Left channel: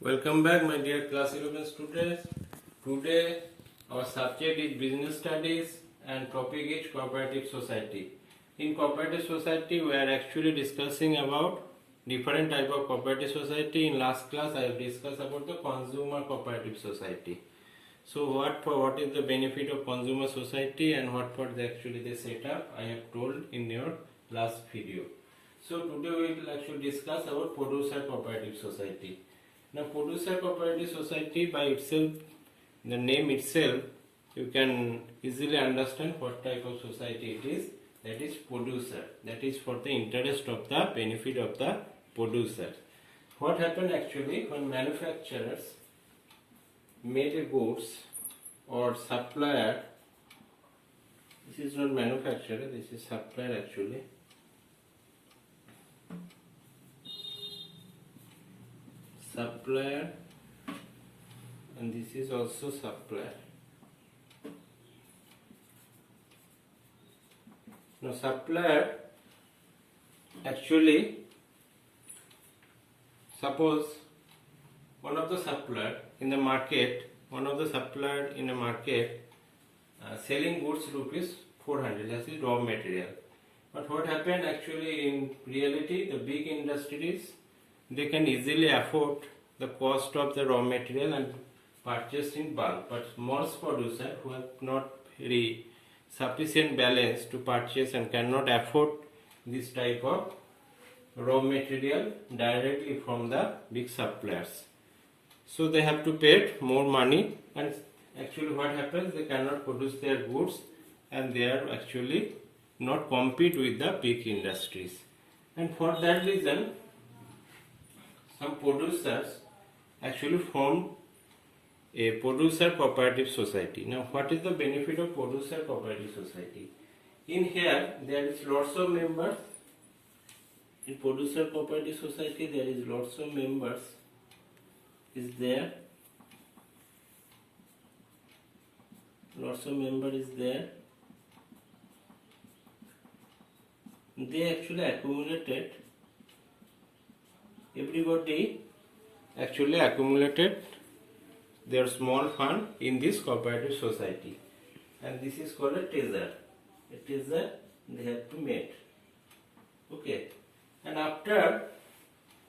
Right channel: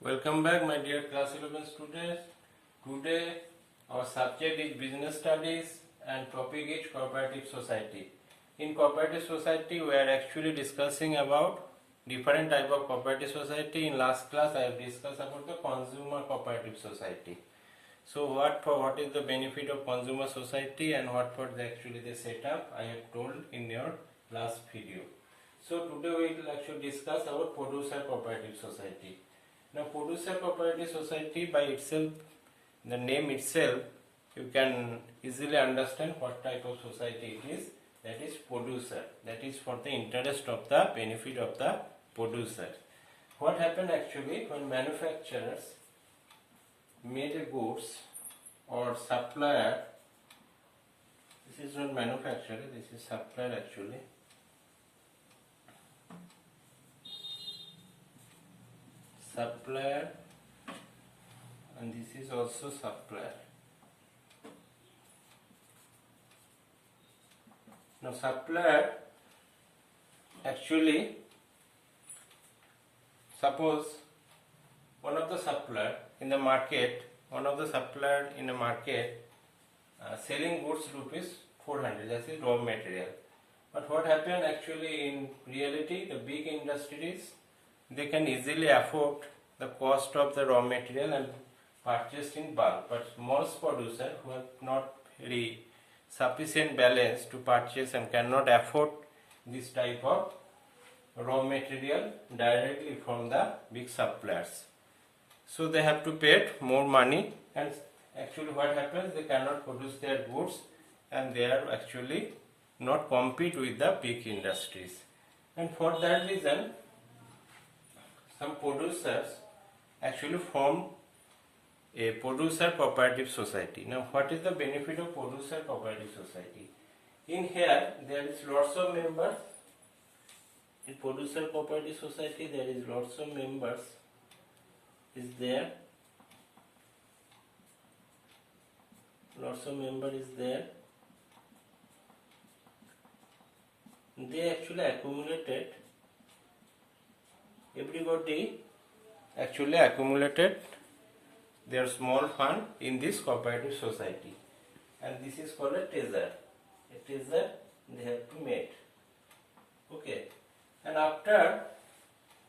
Welcome back, my dear class 11 students. Today our subject is business studies and topic is cooperative society. In cooperative society we are actually discussing about different type of cooperative society. In last class I have discussed about the consumer cooperative society. So what is the benefit of consumer society and what for actually the setup I have told in your last video. So today we will actually discuss about producer cooperative society. Now producer cooperative society by itself, the name itself, you can easily understand what type of society it is. That is producer. That is for the interest of the benefit of the producer. What happened actually when manufacturers made a goods or supplier, this is not manufacturer, this is supplier actually. Supplier, and this is also supplier. Now supplier actually, suppose one of the supplier in the market, selling goods rupees 400, that is raw material. But what happened actually in reality, the big industries, they can easily afford the cost of the raw material and purchase in bulk, but small producer who have not very sufficient balance to purchase and cannot afford this type of raw material directly from the big suppliers, so they have to pay more money, and actually what happens, they cannot produce their goods and they are actually not compete with the big industries. And for that reason some producers actually form a producer cooperative society. Now what is the benefit of producer cooperative society? In here there is lots of members. In producer cooperative society there is lots of members is there. Lots of member is there. They actually accumulated, everybody actually accumulated their small fund in this cooperative society, and this is called a treasure. A treasure they have to make. Okay, and after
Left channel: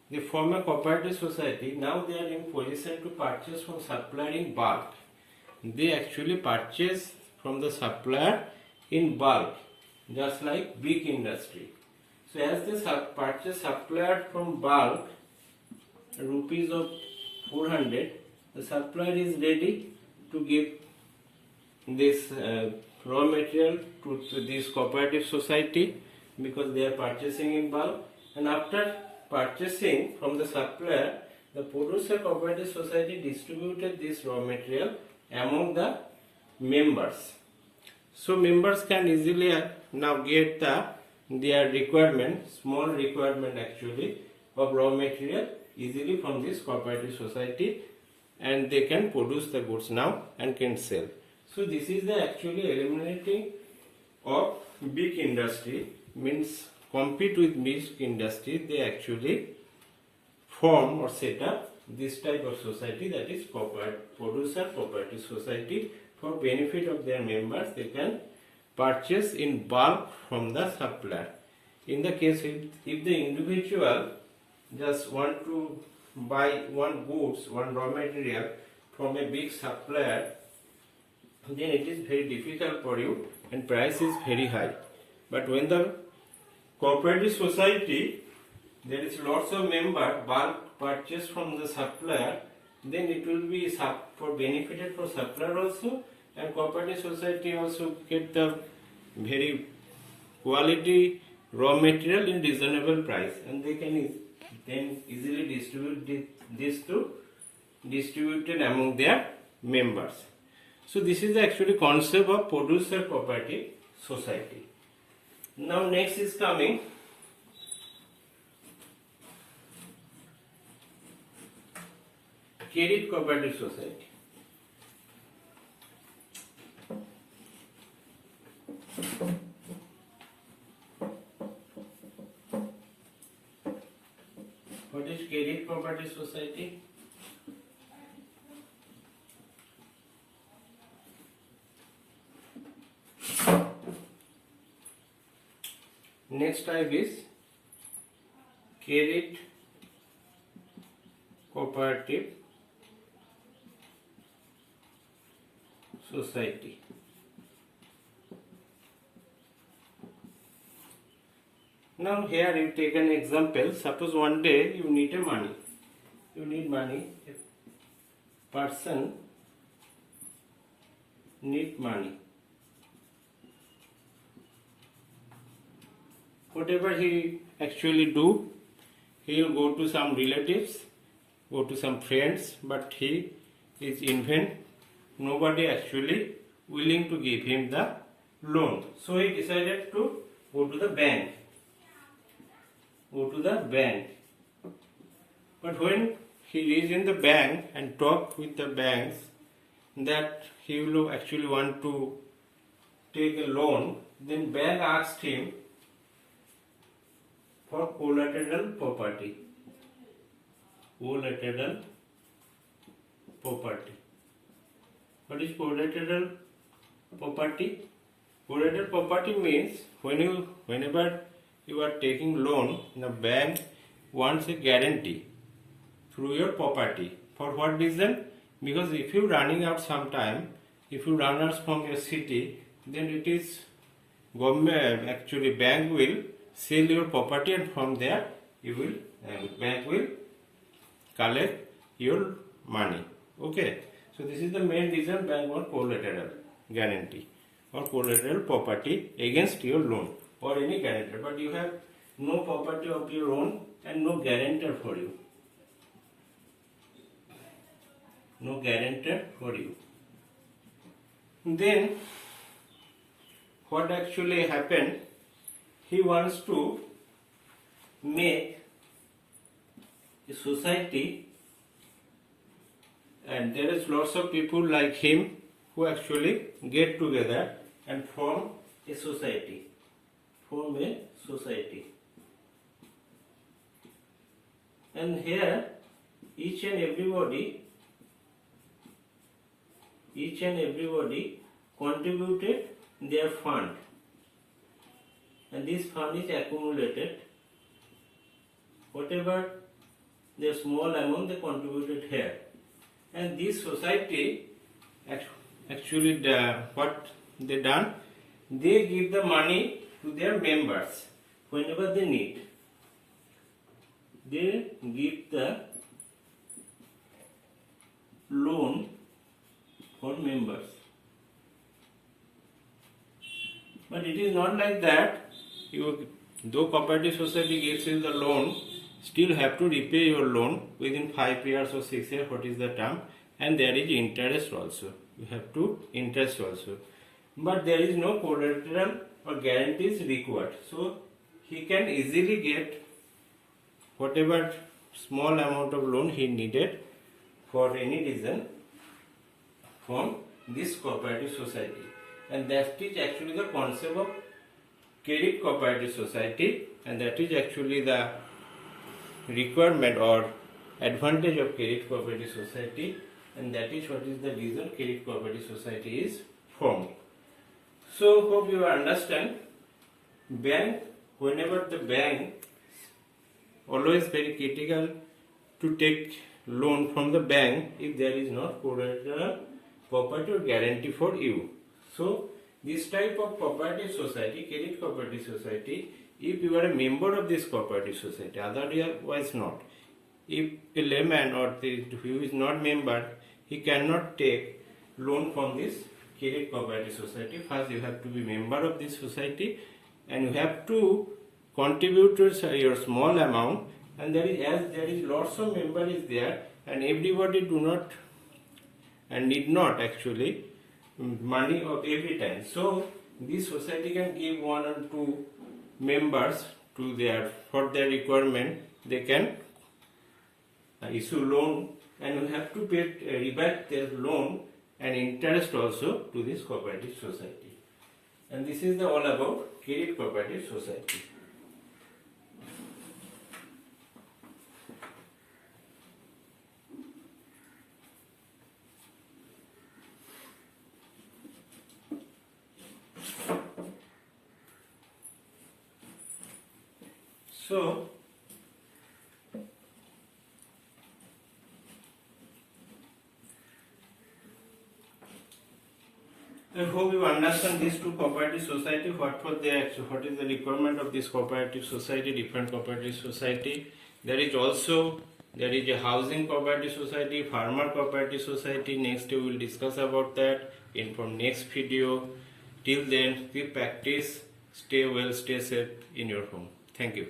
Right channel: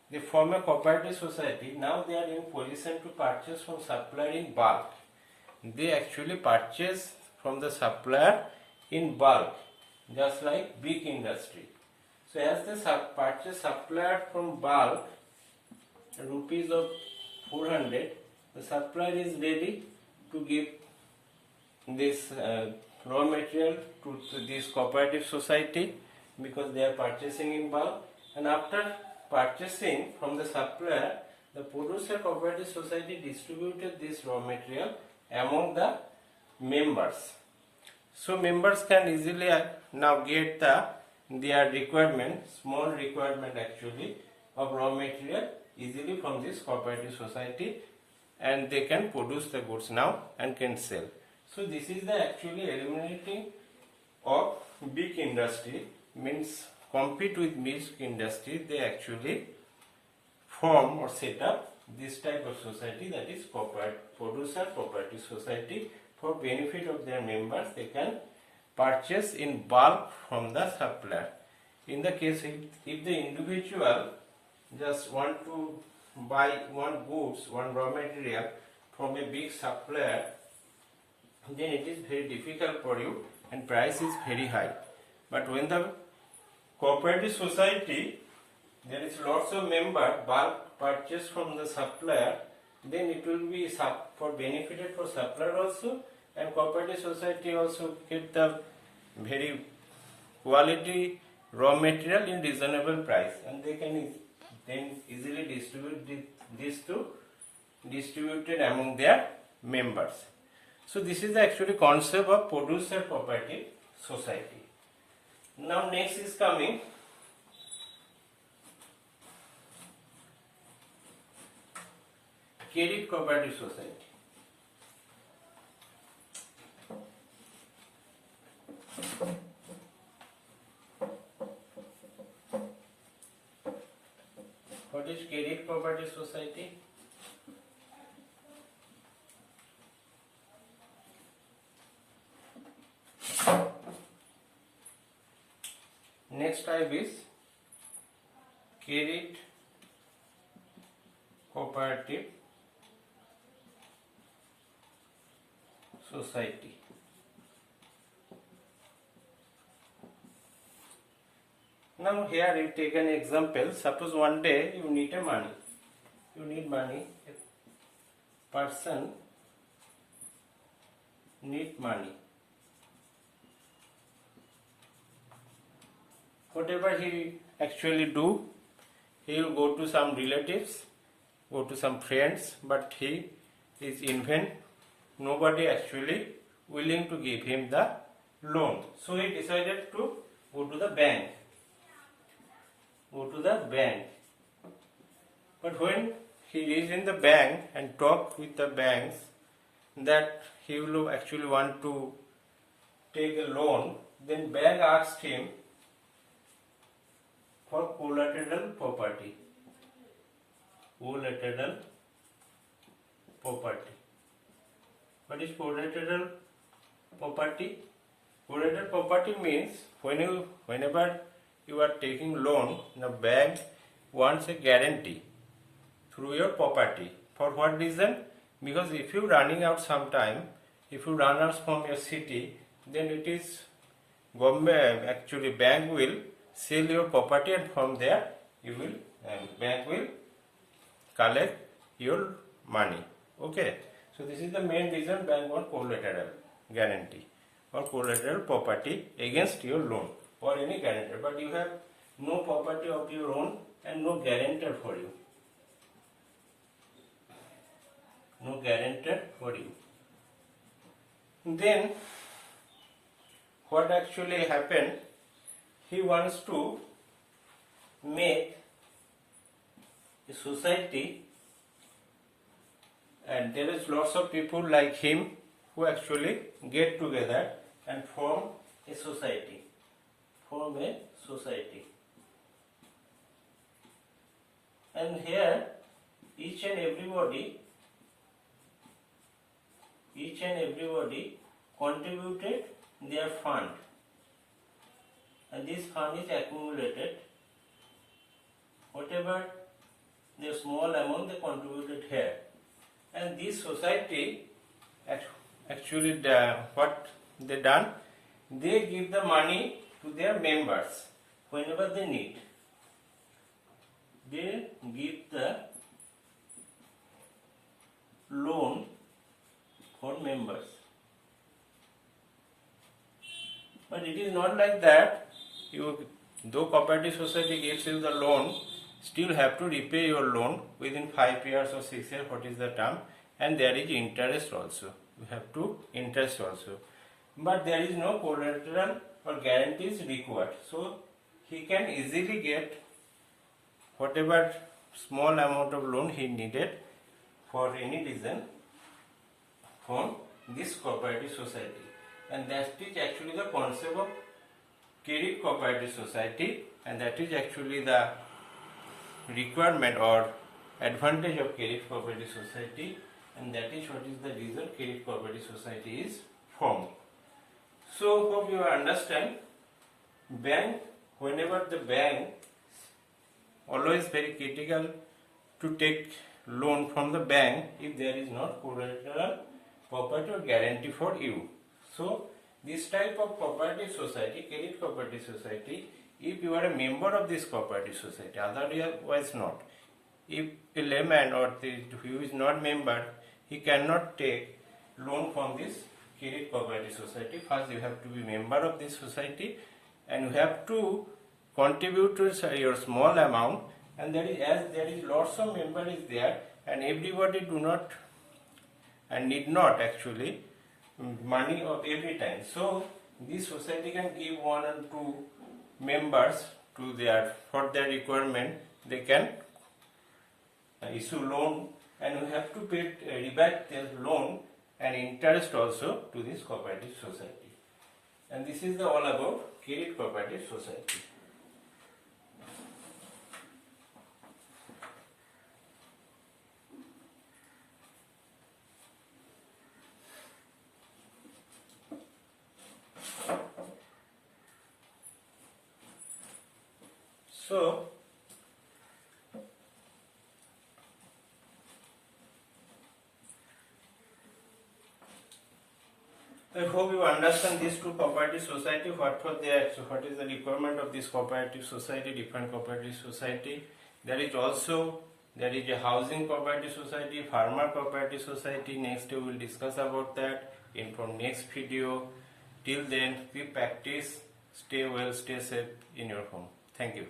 they form a cooperative society, now they are in position to purchase from supplier in bulk. They actually purchase from the supplier in bulk, just like big industry. So as they purchase supplier from bulk rupees of 400, the supplier is ready to give this raw material to this cooperative society because they are purchasing in bulk. And after purchasing from the supplier, the producer cooperative society distributed this raw material among the members. So members can easily now get their requirement, small requirement actually of raw material easily from this cooperative society, and they can produce the goods now and can sell. So this is the actually eliminating of big industry, means compete with big industry. They actually form or set up this type of society, that is producer cooperative society. For benefit of their members, they can purchase in bulk from the supplier. In the case if the individual just want to buy one raw material from a big supplier, then it is very difficult for you and price is very high. But when the cooperative society, there is lots of member, bulk purchase from the supplier, then it will be for benefited for supplier also, and cooperative society also get the very quality raw material in reasonable price, and they can then easily distributed among their members. So this is the actually concept of producer cooperative society. Now next is coming credit cooperative society. What is credit cooperative society? next type is credit cooperative society. Now here you take an example. Suppose one day you need money. You need money. A person need money. Whatever he actually do, he will go to some relatives, go to some friends, but he is in vain. Nobody actually willing to give him the loan. So he decided to go to the bank. But when he is in the bank and talk with the banks that he will actually want to take a loan, then bank asked him for collateral property. Collateral property. What is collateral property? Collateral property means whenever you are taking loan, the bank wants a guarantee through your property. For what reason? Because if you running out sometime, if you run out from your city, then it is government, actually bank will sell your property, and from there you will bank will collect your money. Okay, so this is the main reason bank want collateral guarantee or collateral property against your loan or any guarantor. But you have no property of your own and no guarantor for you. No guarantor for you. Then what actually happened? He wants to make a society, and there is lots of people like him who actually get together and form a society. And here each and everybody contributed their fund, and this fund is accumulated. Whatever the small amount they contributed here, and this society actually what they done, they give the money to their members whenever they need. They give the loan for members. But it is not like that. Though cooperative society gives you the loan, still have to repay your loan within 5 years or 6 years, what is the term, and there is interest also. You have to interest also. But there is no collateral or guarantees required. So he can easily get whatever small amount of loan he needed for any reason from this cooperative society. And that is actually the concept of credit cooperative society, and that is actually the requirement or advantage of credit cooperative society, and that is what is the reason credit cooperative society is formed. So hope you understand. Bank, whenever the bank always very critical to take loan from the bank if there is not collateral property or guarantee for you. So this type of cooperative society, credit cooperative society, if you are a member of this cooperative society, otherwise not. If a layman or who is not member, he cannot take loan from this credit cooperative society. First you have to be member of this society, and you have to contribute to your small amount, and there is lots of members is there, and everybody do not and need not actually money of every time. So this society can give 1 or 2 members to for their requirement. They can issue loan, and you have to pay back their loan and interest also to this cooperative society. And this is all about credit cooperative society. So I hope you understand these two cooperative society, what is the requirement of this cooperative society, different cooperative society. There is a housing cooperative society, farmer cooperative society. Next we will discuss about that in from next video. Till then, keep practice, stay well, stay safe in your home. Thank you.